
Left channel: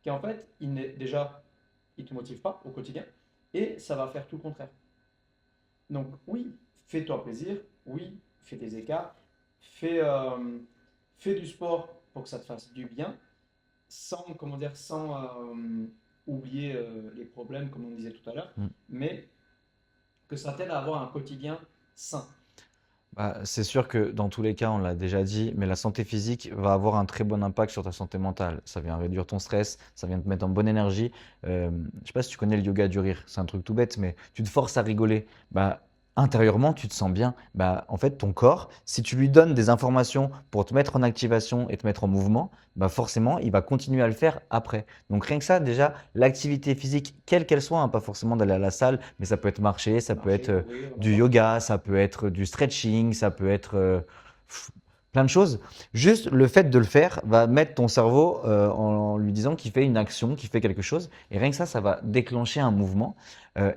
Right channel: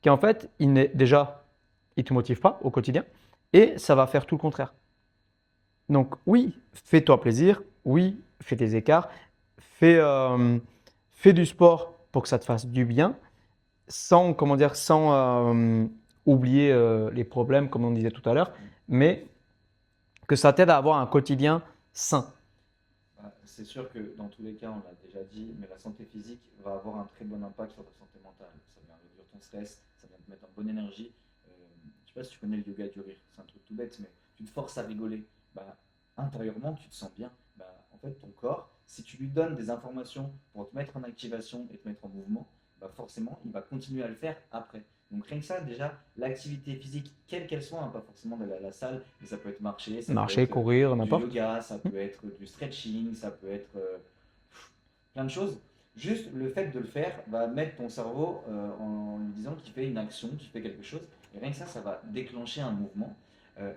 qui, en fait, déjà, il ne te motive pas au quotidien et ça va faire tout le contraire. Donc, oui, fais-toi plaisir. Oui, fais tes écarts. Fais du sport pour que ça te fasse du bien sans, comment dire, sans oublier les problèmes, comme on disait tout à l'heure, mais que ça t'aide à avoir un quotidien sain. bah, c'est sûr que dans tous les cas, on l'a déjà dit, mais la santé physique va avoir un très bon impact sur ta santé mentale. Ça vient réduire ton stress, ça vient te mettre en bonne énergie. Je sais pas si tu connais le yoga du rire, c'est un truc tout bête, mais tu te forces à rigoler. Bah, intérieurement, tu te sens bien. Bah, en fait, ton corps, si tu lui donnes des informations pour te mettre en activation et te mettre en mouvement, bah forcément, il va continuer à le faire après. Donc rien que ça, déjà, l'activité physique, quelle qu'elle soit, hein, pas forcément d'aller à la salle, mais ça peut être marcher, ça peut Marcher, être courir, du n'importe. yoga, ça peut être du stretching, ça peut être plein de choses. Juste le fait de le faire va mettre ton cerveau en lui disant qu'il fait une action, qu'il fait quelque chose. Et rien que ça va déclencher un mouvement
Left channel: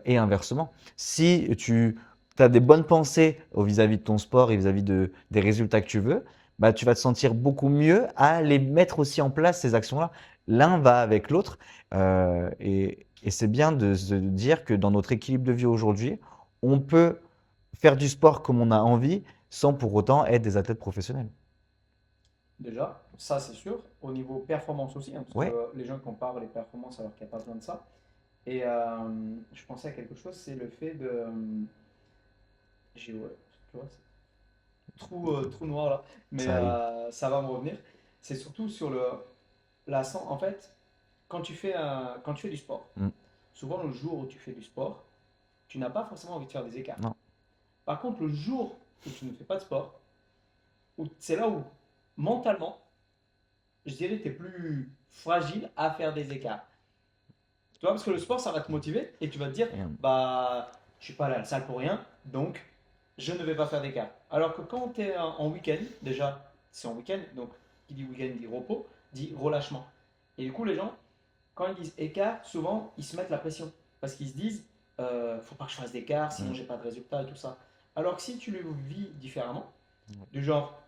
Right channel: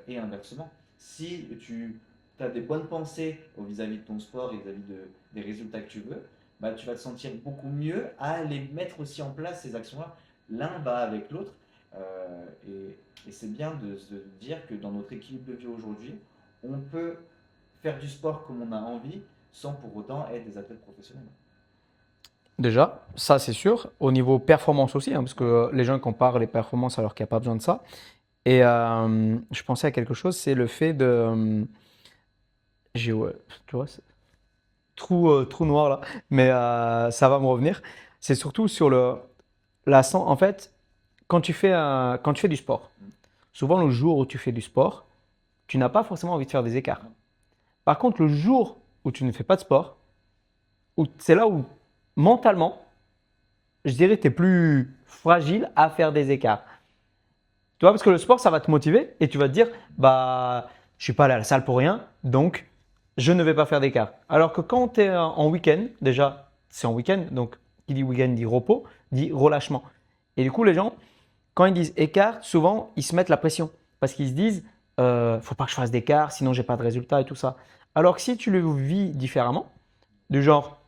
et inversement. Si tu as des bonnes pensées vis-à-vis de ton sport et vis-à-vis des résultats que tu veux, bah, tu vas te sentir beaucoup mieux à les mettre aussi en place, ces actions-là. L'un va avec l'autre. Et c'est bien de se dire que dans notre équilibre de vie aujourd'hui, on peut faire du sport comme on a envie sans pour autant être des athlètes professionnels. Déjà, ça c'est sûr. Au niveau performance aussi, hein, parce Oui, que les gens comparent les performances alors qu'il n'y a pas besoin de ça. Et je pensais à quelque chose, c'est le fait de. Ouais, tu vois, c'est trou noir là, mais ça arrive. ça va me revenir. C'est surtout sur en fait, quand tu fais du sport, Mm. souvent le jour où tu fais du sport, tu n'as pas forcément envie de faire des écarts. Non. Par contre, le jour où tu ne fais pas de sport, c'est là où mentalement, je dirais, tu es plus fragile à faire des écarts. Tu vois, parce que le sport, ça va te motiver et tu vas te dire, Mm. bah, je suis pas allé à la salle pour rien, donc je ne vais pas faire d'écart. Alors que quand tu es en week-end, déjà, c'est en week-end, donc qui dit week-end dit repos, dit relâchement. Et du coup, les gens, quand ils disent écart, souvent, ils se mettent la pression parce qu'ils se disent, faut pas que je fasse d'écart, sinon j'ai pas de résultat et tout ça. Alors que si tu le vis différemment, du genre,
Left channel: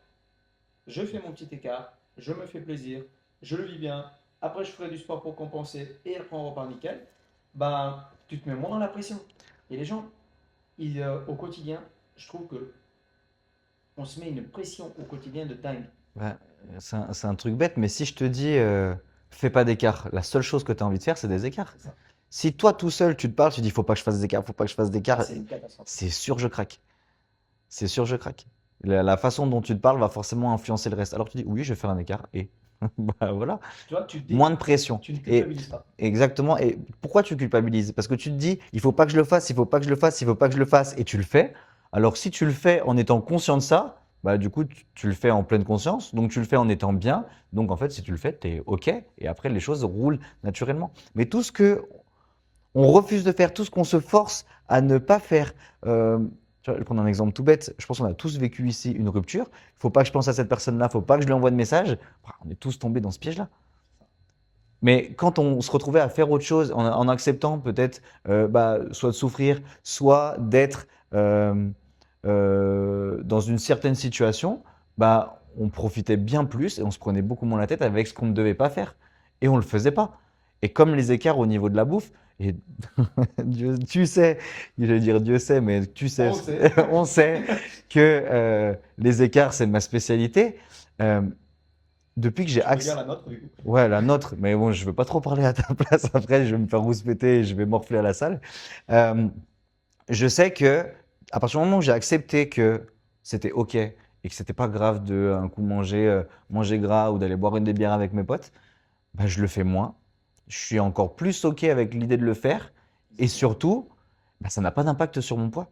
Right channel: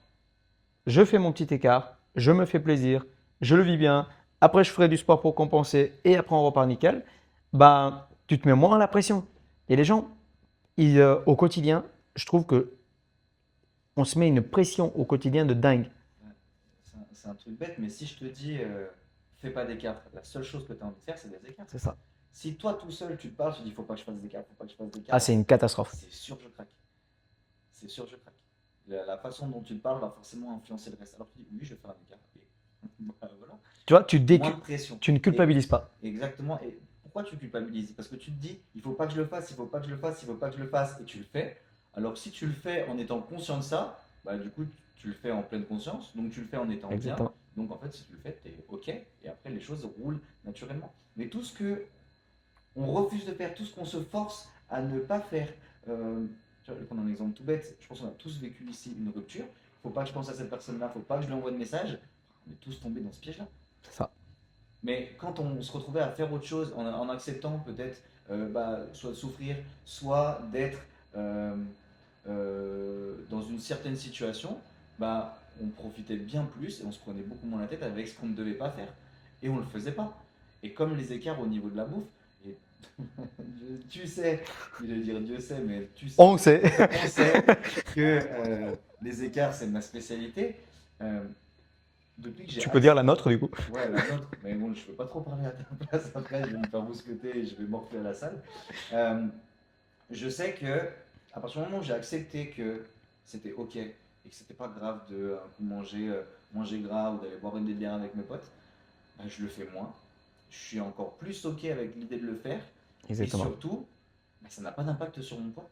je fais mon petit écart, je me fais plaisir, je le vis bien, après je ferai du sport pour compenser et après on repart nickel, ben, tu te mets moins la pression. Et les gens, au quotidien, je trouve que on se met une pression au quotidien de dingue. Ouais, c'est un truc bête, mais si je te dis fais pas d'écart, la seule chose que tu as envie de faire, c'est des écarts. C'est ça. Si toi tout seul tu te parles, tu dis faut pas que je fasse d'écart, faut pas que je fasse Ah, d'écart, c'est une catastrophe. c'est sûr je craque. C'est sûr je craque. La façon dont tu te parles va forcément influencer le reste. Alors tu dis oui, je vais faire un écart et bah voilà, Tu vois, moins de pression. tu ne Et culpabilises pas. exactement. Et pourquoi tu culpabilises? Parce que tu te dis il faut pas que je le fasse, il faut pas que je le fasse, il faut pas que je le fasse et tu le fais. Alors si tu le fais en étant conscient de ça, bah du coup tu le fais en pleine conscience, donc tu le fais en étant bien. Exactement. Donc en fait si tu le fais, tu es OK et après les choses roulent naturellement. Mais tout ce que on refuse de faire, tout ce qu'on se force à ne pas faire. Tu vois, je vais prendre un exemple tout bête. Je pense qu'on a tous vécu ici une rupture. Il ne faut pas que je pense à cette personne-là, il ne faut pas que je lui envoie de message. On est tous tombés dans ce piège-là. C'est ça. Mais quand on se retrouvait à faire autre chose, en acceptant peut-être bah, soit de souffrir, soit d'être dans une certaine situation, bah, on profitait bien plus et on se prenait beaucoup moins la tête avec ce qu'on ne devait pas faire. Et on ne le faisait pas. Et comme les écarts au niveau de la bouffe, et tu sais, je vais dire Dieu sait, mais tu sais, On sait. on sait que les écarts, c'est ma spécialité. Euh, depuis que j'ai Tu peux dire la nôtre du coup. Ouais, la nôtre, mais bon, je veux pas trop parler à ta place après, je vais me faire rouspéter et je vais morfler à la salle. Euh, je sais que à partir du moment où j'ai accepté que c'était OK et que c'était pas grave de un coup manger gras ou d'aller boire une des bières avec mes potes, bah, je le fais moins. Je suis encore plus OK avec l'idée de le faire et Exactement. surtout, bah, ça n'a pas d'impact sur mon poids.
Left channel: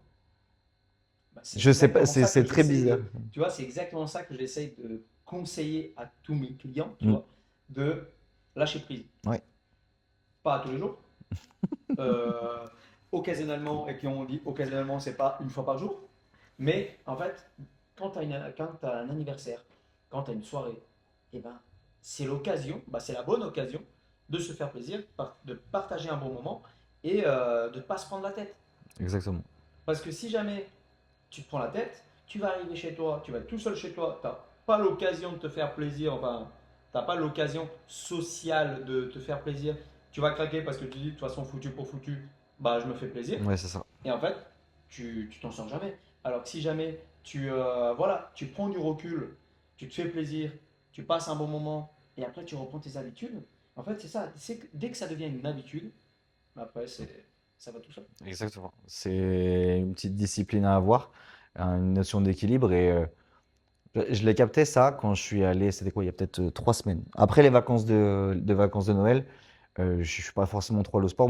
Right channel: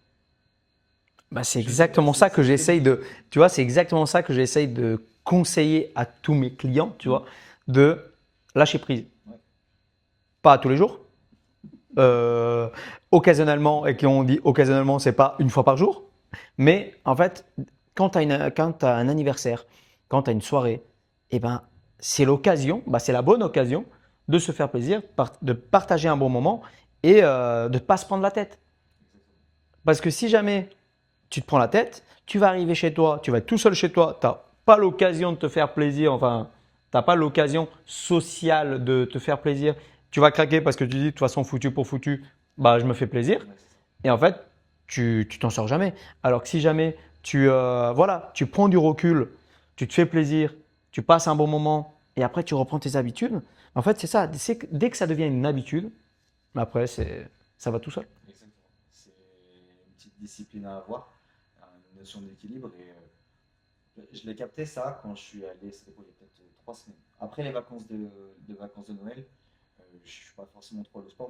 Bah, c'est Je sais pas, exactement ça que c'est très j'essaye bizarre. de, tu vois, c'est exactement ça que j'essaye de conseiller à tous mes clients, tu Mm. vois, de lâcher prise. Ouais, Pas tous les jours, euh, occasionnellement, et quand on dit occasionnellement, c'est pas une fois par jour, mais en fait, quand tu as un anniversaire, quand tu as une soirée, eh ben, c'est l'occasion, bah, c'est la bonne occasion de se faire plaisir, de partager un bon moment et de ne pas se prendre la tête. exactement. Parce que si jamais tu te prends la tête, tu vas arriver chez toi, tu vas être tout seul chez toi, tu n'as pas l'occasion de te faire plaisir, enfin, tu n'as pas l'occasion sociale de te faire plaisir. Tu vas craquer parce que tu dis, de toute façon, foutu pour foutu, bah, je me fais plaisir. Ouais, c'est ça. Et en fait, tu t'en sors jamais. Alors que si jamais voilà, tu prends du recul, tu te fais plaisir, tu passes un bon moment et après tu reprends tes habitudes, en fait, c'est ça. Dès que ça devient une habitude, après, ça va tout seul. Exactement. C'est une petite discipline à avoir, une notion d'équilibre. Et je l'ai capté ça quand je suis allé, c'était quoi, il y a peut-être 3 semaines. Après les vacances de Noël, je ne suis pas forcément trop allé au sport.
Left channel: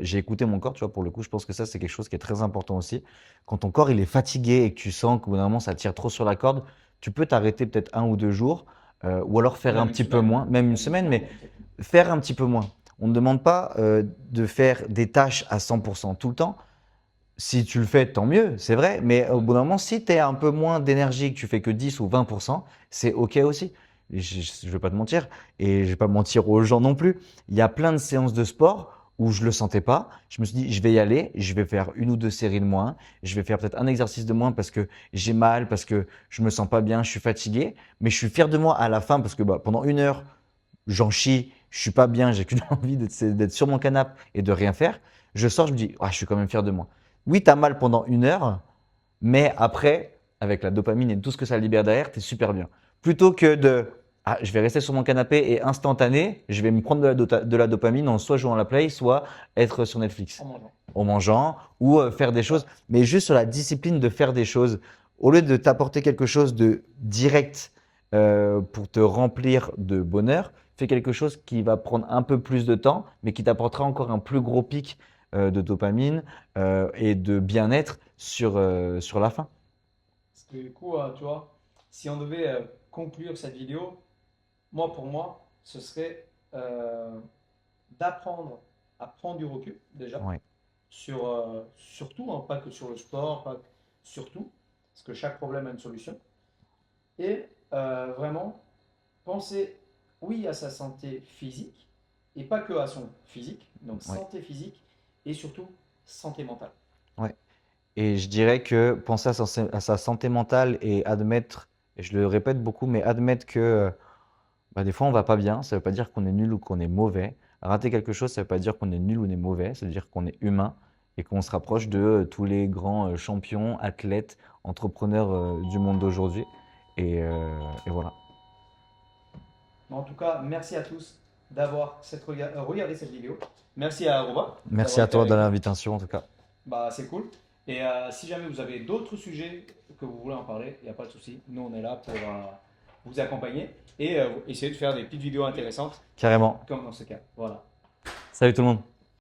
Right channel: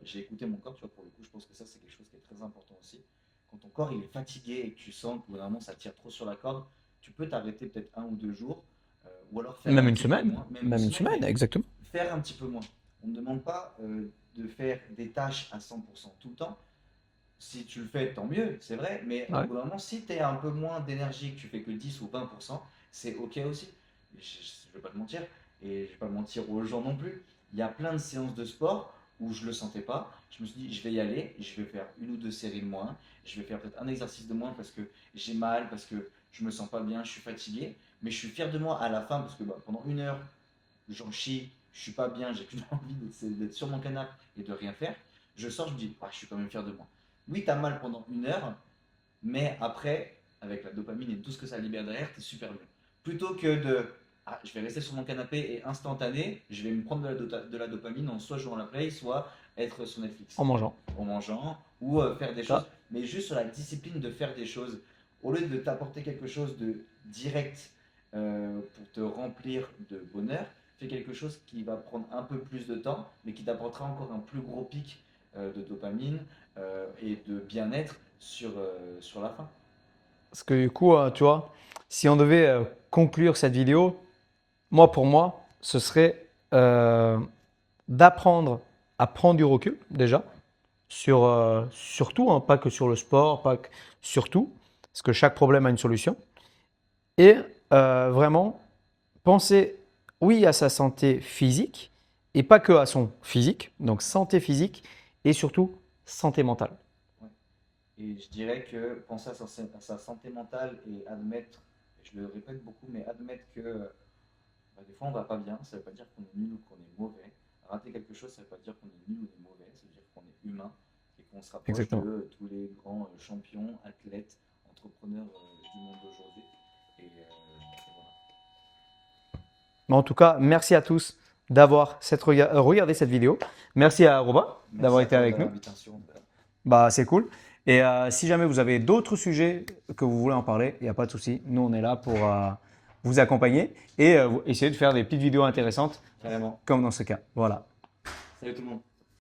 J'ai écouté mon corps, tu vois, pour le coup, je pense que ça, c'est quelque chose qui est très important aussi. Quand ton corps il est fatigué et que tu sens qu'au bout d'un moment ça tire trop sur la corde, tu peux t'arrêter peut-être 1 ou 2 jours, ou alors faire un Même une petit peu semaine. moins, même une Même une semaine, semaine, mais exactement. faire un petit peu moins. On ne demande pas de faire des tâches à 100% tout le temps. Si tu le fais, tant mieux, c'est vrai. Mais au Ouais. bout d'un moment, si tu es un peu moins d'énergie, que tu fais que 10 ou 20%, c'est OK aussi. Et je ne vais pas te mentir et je vais pas mentir aux gens non plus. Il y a plein de séances de sport où je le sentais pas. Je me suis dit, je vais y aller, je vais faire une ou deux séries de moins. Je vais faire peut-être un exercice de moins parce que j'ai mal, parce que je me sens pas bien, je suis fatigué. Mais je suis fier de moi à la fin parce que bah, pendant une heure, j'en chie, je suis pas bien, j'ai qu'une envie d'être sur mon canapé et de rien faire. Je sors, je me dis, ah, je suis quand même fier de moi. Oui, tu as mal pendant une heure, mais après, avec la dopamine et tout ce que ça libère derrière, tu es super bien. Plutôt que de, ah, je vais rester sur mon canapé et instantané, je vais me prendre de la dopamine en soit jouant à la play, soit être sur En Netflix, mangeant. en mangeant ou faire des Ah, choses, mais juste sur la discipline de faire des choses. Au lieu de t'apporter quelque chose de direct pour te remplir de bonheur, fais quelque chose qui va prendre un peu plus de temps, mais qui t'apportera encore un plus gros pic de dopamine et de bien-être sur la fin. parce que du coup, tu vois, si on devait conclure cette vidéo, moi, pour moi, ce serait d'apprendre à prendre du recul déjà Ouais, sur tout, hein, pas que sur le sport, pas que sur tout, parce que chaque problème a une solution. Et vraiment penser, oui, à sa santé physique et pas que à son physique, donc ouais, santé physique et surtout santé mentale. ouais. Et je dirais que penser à sa santé mentale et admettre, et je le répète beaucoup, mais admettre que bah, des fois on va pas bien, ça veut pas dire qu'on est nul ou qu'on est mauvais. Rater quelque chose, ça veut pas dire qu'on est nul ou on est mauvais, ça veut dire qu'on est humain et qu'on se rapproche de Exactement. tous les grands champions, athlètes, entrepreneurs du monde d'aujourd'hui. Et voilà. Mais en tout cas, merci à tous d'avoir regardé cette vidéo. Merci à Robin Merci d'avoir à été toi de avec nous. l'invitation en tout cas. Bah, c'est cool. Et si jamais vous avez d'autres sujets que vous voulez en parler, il n'y a pas de souci. Nous, on est là pour vous accompagner et essayer de faire des petites vidéos intéressantes Carrément. comme dans ce cas. Voilà. Salut tout le monde.